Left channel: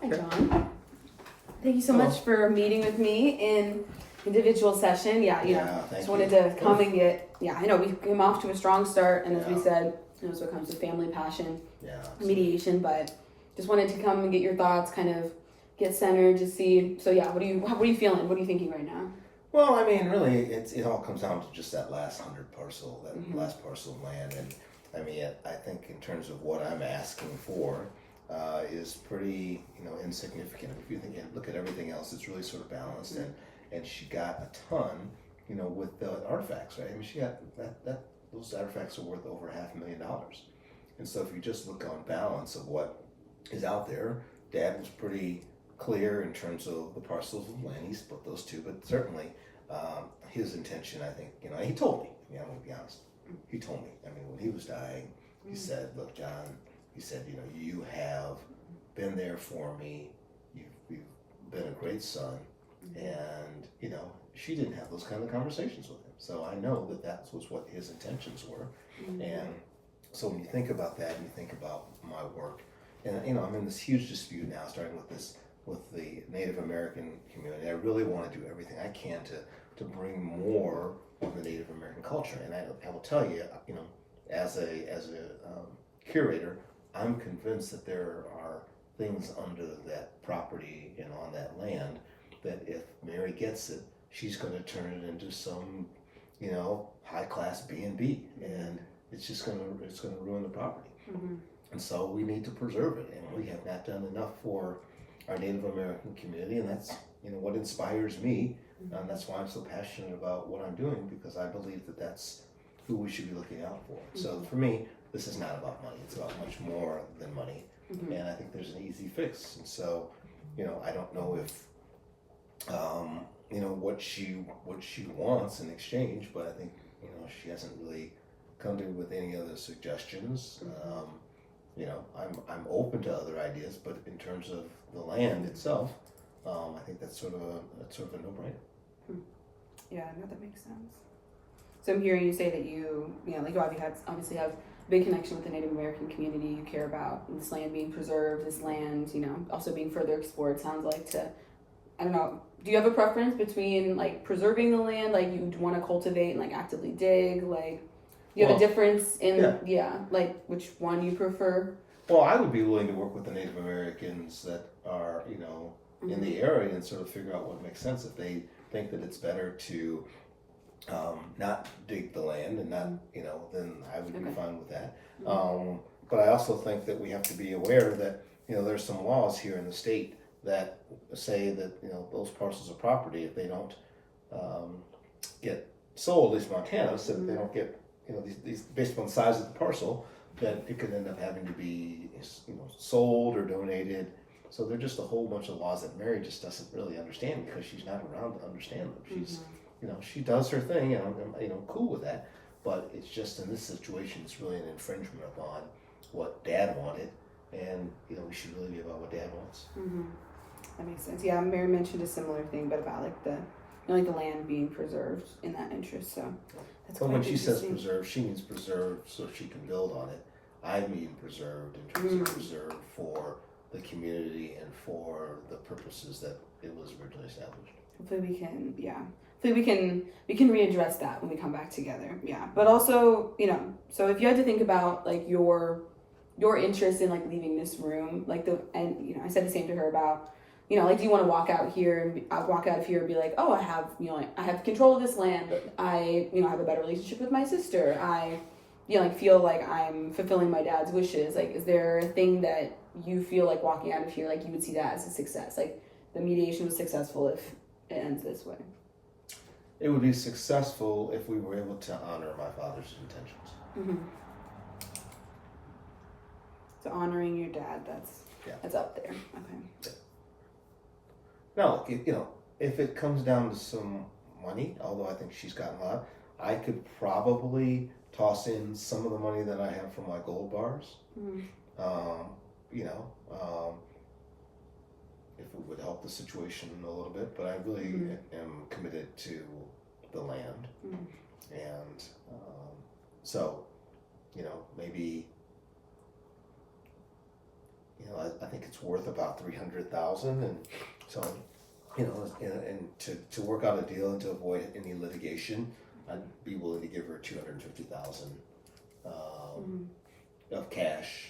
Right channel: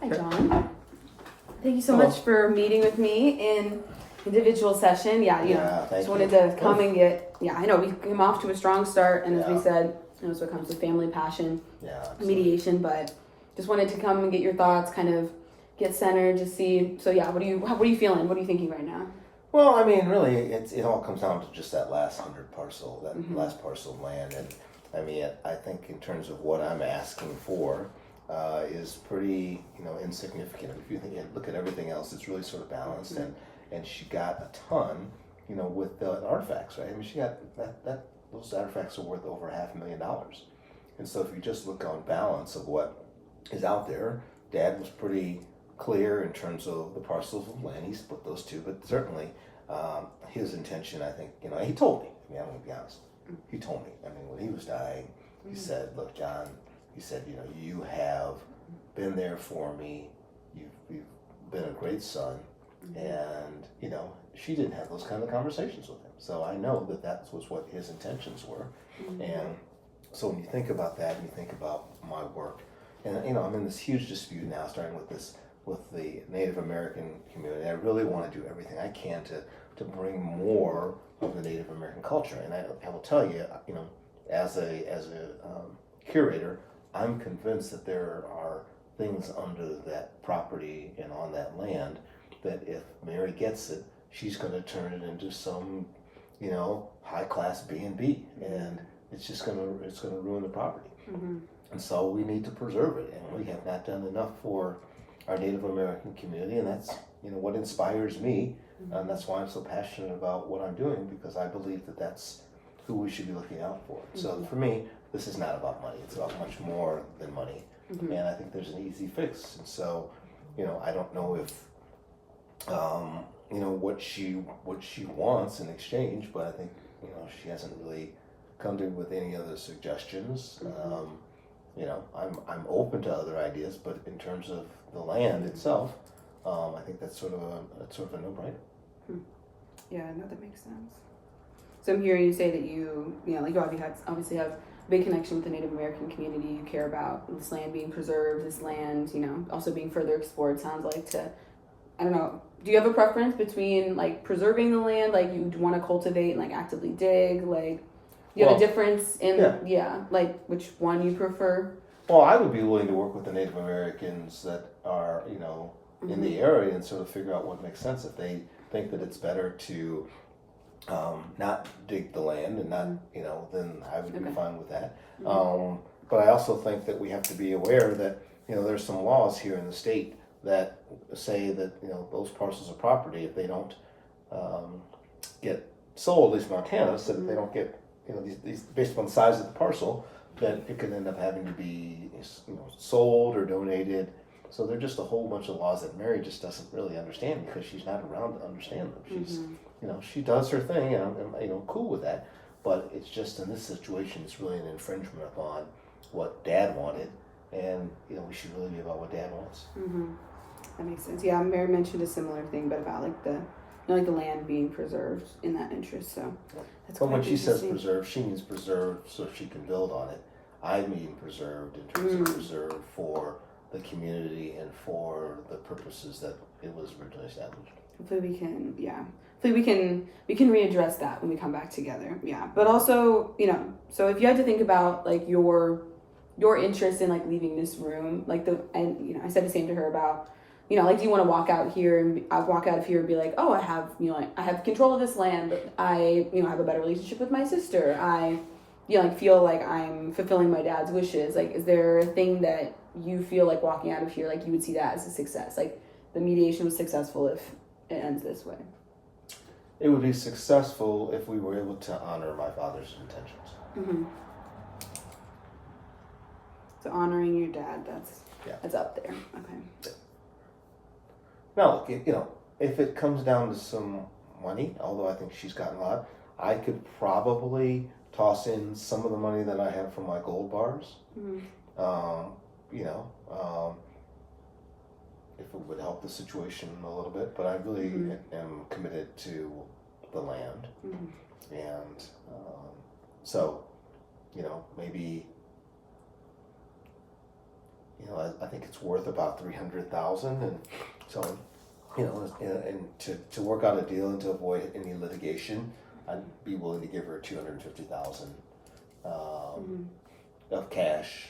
Hi, John. Thank you so much for meeting with me in individual session. Just wanted to come and get, I know we came off to a strong start, and as we said, that's what comes with family passion, mediation, but just wanted to come and get your thoughts, kind of get centered, just see. So what are you feeling? What are you thinking right now? Well, I mean, really, it all comes down to just that last 100 parcel, that last parcel of land, and I mean, I think in terms of what I'm asking for, is pretty, insignificant. If you look at everything else, it's really sort of balanced, and she got a ton, with the artifacts, right? I mean, she got those artifacts are worth over $500,000, and so if you just look on balance of what is out there, Dad was pretty clear in terms of the parcels of land. He split those two, but certainly his intention, I think, he told me. I mean, I'm going to be honest. He told me. I mean, when he was dying, he said, "Look, John," he said, "you have been there for me. You've been a great son." And, she didn't have those kind of conversations with him. So I know that was what his intentions were. And so when you think about that, and you think about my work, and, I'm in this huge dispute now, starting with the Native American community. I really want to do everything I can to bring more of the Native American culture. And I will tell you, as a curator, I'm convinced that there are things under that property and on that land that if Mary gets it, she's going to turn it into some, high class B&B, and it's going to ruin the property. And so we need to preserve it, and we have not done enough for our Native American community, and that's what inspires me, and that's why I'm so passionate about what I'm doing, because I believe that that's who we should be looking out for. So for me, this is not about money; it's about much more than money, and I think there's an easy fix. And so, I don't know if what she wants in exchange, but I think she hasn't really come to with any other suggestions. I'm open to other ideas, but in terms of the land itself, I think that's sort of a no-brainer. Yeah, no, that makes sense. So I'm hearing you say that you obviously have a big connection with the Native American community. You care about this land being preserved, this land, also being further explored. Sounds like I don't know. Do you have a preference between preserving the land, you want to cultivate and actively dig, do you have a difference in which one you prefer? Well, I would be willing to work with the Native Americans that are in the area and sort of figure out what makes sense. If they think that it's better to not dig the land and not then I would be fine with that. But I also think that we have to be aware that there's some laws here in the state that say that those parcels of property, if they don't get sold, at least Montana said if they don't get these based upon the size of the parcel, then it could end up having to be sold or donated. So there's just a whole bunch of laws that Mary just doesn't really understand because she's not around to understand them. She's she does her thing, and I'm cool with that. But it's just in this situation, it's really an infringement upon what Dad wanted, and we should really be about what Dad wants. That makes sense. Yeah, Mary mentioned a similar thing, but about the the land being preserved in that interest. So that's but when she says preserved, she means preserved so she can build on it. I mean preserved in terms of preserved for the community and for the purposes that it was originally established. Hopefully we can readdress that when we come back together. Yeah, but also so if you had to think about your interest in leaving this room, I said the same to her about. Do you want to walk out here and walk out of here and be like, oh, I have, I have control of this land. I, have a better relationship with my sister. I, feel like I'm fulfilling my dad's wishes. Is there a thing that you feel like walking out of here, you would see that as a success? The mediation was successful if it ends this way. It would be successful if we were able to honor my father's intentions. So honoring your dad, that's up there. Okay. Yeah. Now, if it comes down to some money, although I think she's gotten a lot, I could probably toss in some of the money that I have from my gold bars. If it would help the situation a little bit, but I really am committed to the land, and so maybe you know, I think it's worth about $300,000, and so, you know, and to work out a deal and to avoid any litigation, I'd be willing to give her $250,000 of cash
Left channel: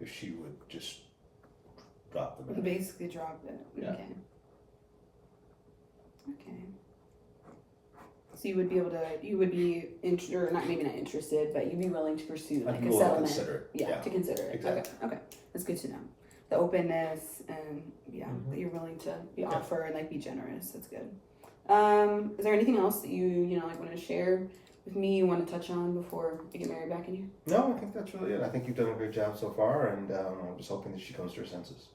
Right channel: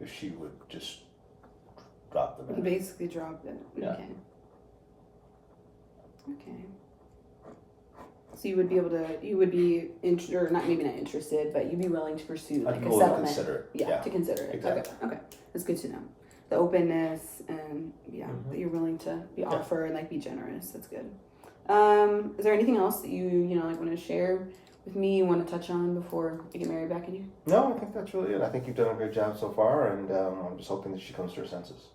if she would just drop the You rent. basically drop it. Yeah. Okay. Okay. So you would be able to, you would be, or not, maybe not interested, but you'd be willing to pursue like I'd be a willing to settlement. consider it. Yeah, to consider it. Exactly. Okay. That's good to know. The openness and that you're willing to be offer and like be generous. That's good. Is there anything else that you know, like want to share with me, you want to touch on before I get Mary back in here? No, I think that's really it. I think you've done a great job so far, and I'm just hoping that she comes to her senses.